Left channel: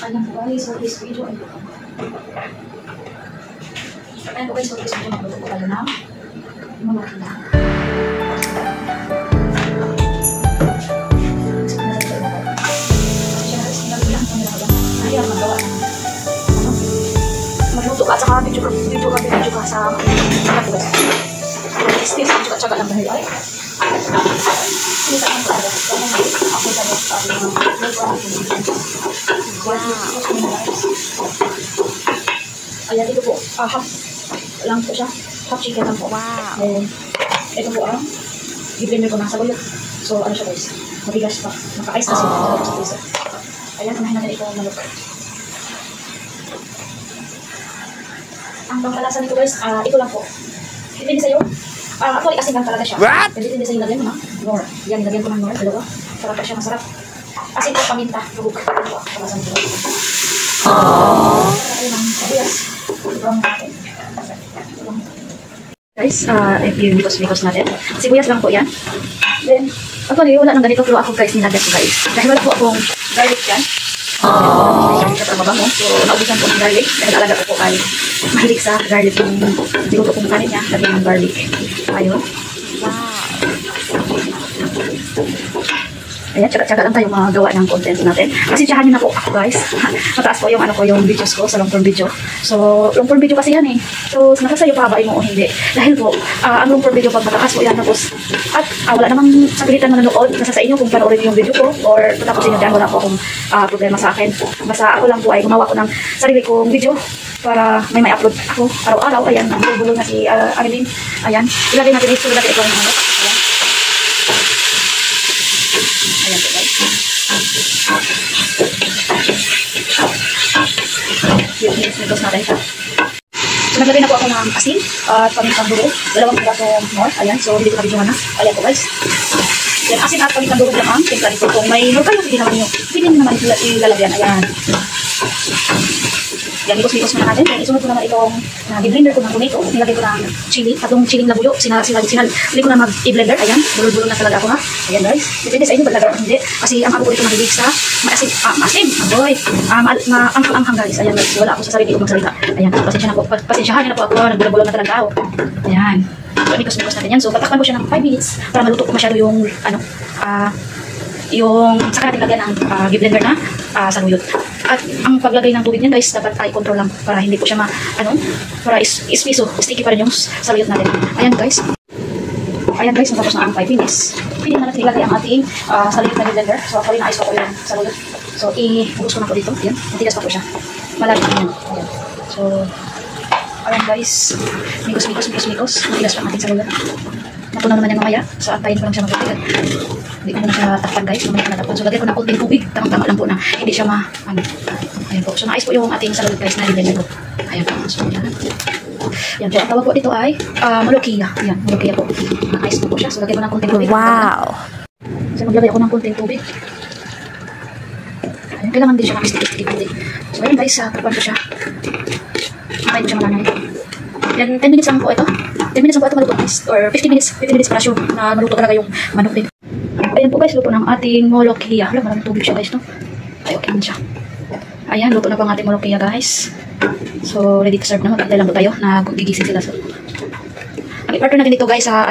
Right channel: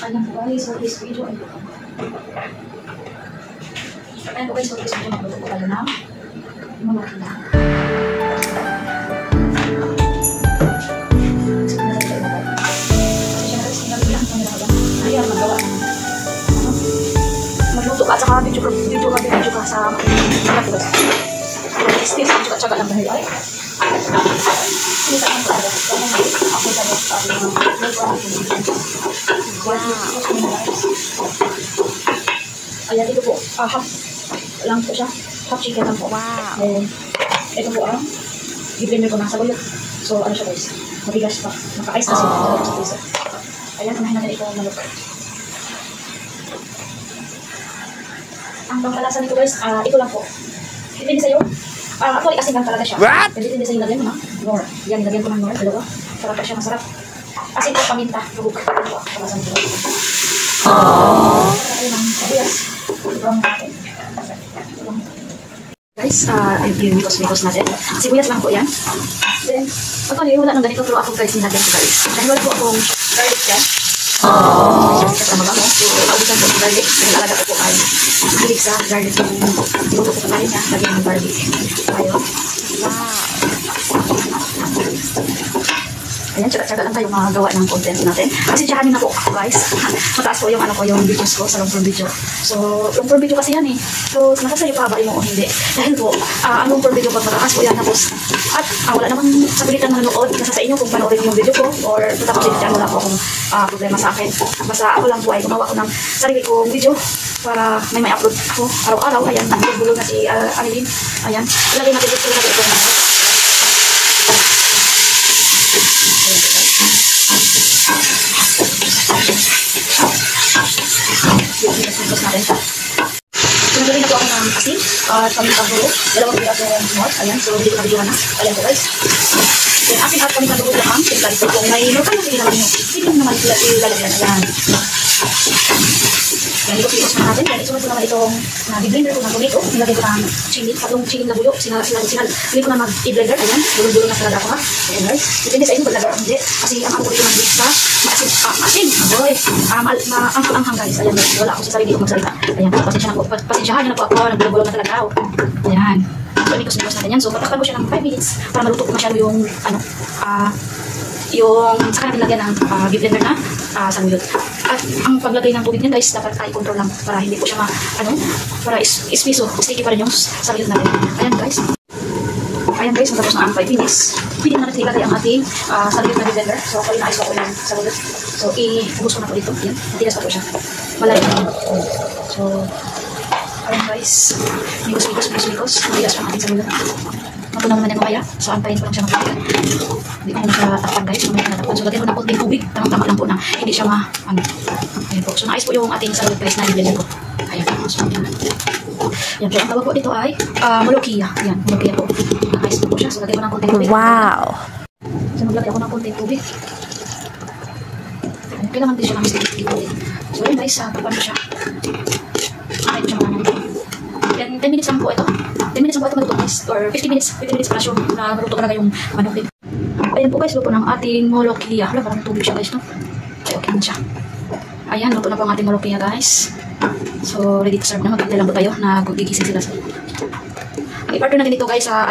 Ayan po guys, so this video ay ayan po guys, so this video magluto po tayo ng mamahila. Ayan, magawa ng magluto ka at saka video ka sa mga po guys. Still, tsaga lang dahil ay kita ang po guys. Ako sa ayan, ito po, half lang po siya, half chicken lang po. Wow. Then, ito po ang i-blender ko na sa bulot. So, ano siya guys, mabigas pa, maka-ice kasi. Ayan, unahin natin ito malok. Ang pangkalasa nito guys, ito lang po. Depende sa'yo. Actually, asin lang talaga siya. What? Depende sa'yo lagyan mo na. Nor. Yan, lagyan ko ng nor, dalawa. Sarap pa siya, masarap. Asin po, paminta, lubog. Pangkalasa nito guys. Ayun ang kabuyas. Guys, yung mikos natin. Sibuyas lang po yan. Then, actually, wala nang ganito pero ako guys, nilagyan ko guys. Dahil wala po akong garlic yan. Siyempre mabango. So, naubusan po ng garlic. Dahil alaga ko po ay mahilig sa garlic yung niluto kong kanin niya. Lagyan ng garlic. Ayun. Wow. Ayan, tsaga lang tayo mga gawa ng content natin. Kasi tsahanin na po ako guys. Mataas po yung yung videos ko sa long form video. So, long form video kasi yan eh. So, nasa sa'yo pahabain mo o hindi. Dahil po, ang long form video pag mataas po yan tapos. At wala namang sapilitan manonood. Nasa sa inyo kung panoorin yung video ko or tapos yun dyan, wala po akong problema sa akin. Basta ako lang po ay gumawa ko ng sarili kong video para may upload ako araw-araw. Ayan, nagbubulo na si Annelyn. Ayan, ilagay natin dito lang itong ayan po guys. Yan, nagos natin siya. So, naglagay na po ako ng asin at pamintang durog. Dalawang pirasong more. Ayan, so hindi ko kabidyohan na. Ayan po guys. Yan, asin at pamintang durog lang ang timpla ito. Kung may local yung pinagin nyo, hindi naman ilalagyan. Ayan. Yan, ligos-ligos na natin. Yan, isunod ko naman itong di-blender ko ng tomato. Nilagay ko ng chili. Tatlong chili na buyo. Hindi ko na mag-i-blender. Ayan, bulo-bulo na talaga ako ha. Ayan guys. Depende sa inyo, balagay o hindi. Kasi ang ako po ito mahilig sa maasin. Aboy. Ang guys. Ayan guys. Wala ako sa sarili ko magsalita. Ayan, pasensyahan nyo na po ako. Nagbulo-bulo na talaga ako. Ayan. So, ligos-ligos natin yan. So, patakpan ko siya ng 5 minutes para maluto ko masyado yung yung saka natin lagyan ng blender na saluyot. At ang paglagay ng tubig niyan guys, dapat i-control lang para hindi po siya para ispiso, sticky pa rin yung saluyot natin. Ayan guys. Ayan guys, matapos na ang 5 minutes. Pwede na natin ilagay ang ating saluyot na blender. So ako rin, ayos ko yung saluyot. So i-ubos ko na po dito. Yan, matigas pa po siya. Malalim pa. So, ayan guys. Migos. Matigas pa ang ating saluyot. Napunan naman yan mamaya. So, antayin ko lang siya magpapagod. Hindi ko na siya takpan guys. Mamaya ko natakpan. So, lagyan ko ng konting tubig. Tamang-tama lang po na hindi siya ayan po. So, naayos po yung ating saluyot guys na dinilin ko. Ayan po. So, yan po. Ang tawag po dito ay molokia. Yan, molokia po. Naayos po siya. So, lagyan ko ng konting tubig. Wow. So, maglagay ako ng konting tubig. Ayan, kailangan din siya kami tubig. So, ayan guys. Takpan ko siya. Antayin ko siya mga ito. Yan, 10 minutes lang po ito. 10 minutes lang po ito maluto guys. Or 15 minutes para sure na maluto talaga yung manok din. Ayan po guys, luto ng ating molokia. Wala, parang tubig siya guys, no? Ay, okay na siya. Ayan, luto na po ang ating molokia guys. So, ready to serve na. Magkantay lang po tayo na gigising sila. So, ang i-partner natin dito guys sa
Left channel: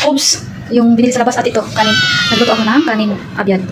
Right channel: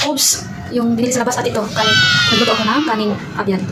cubes. Yung binili sa labas at ito, kanin. Nagluto ako ng kanin abyan.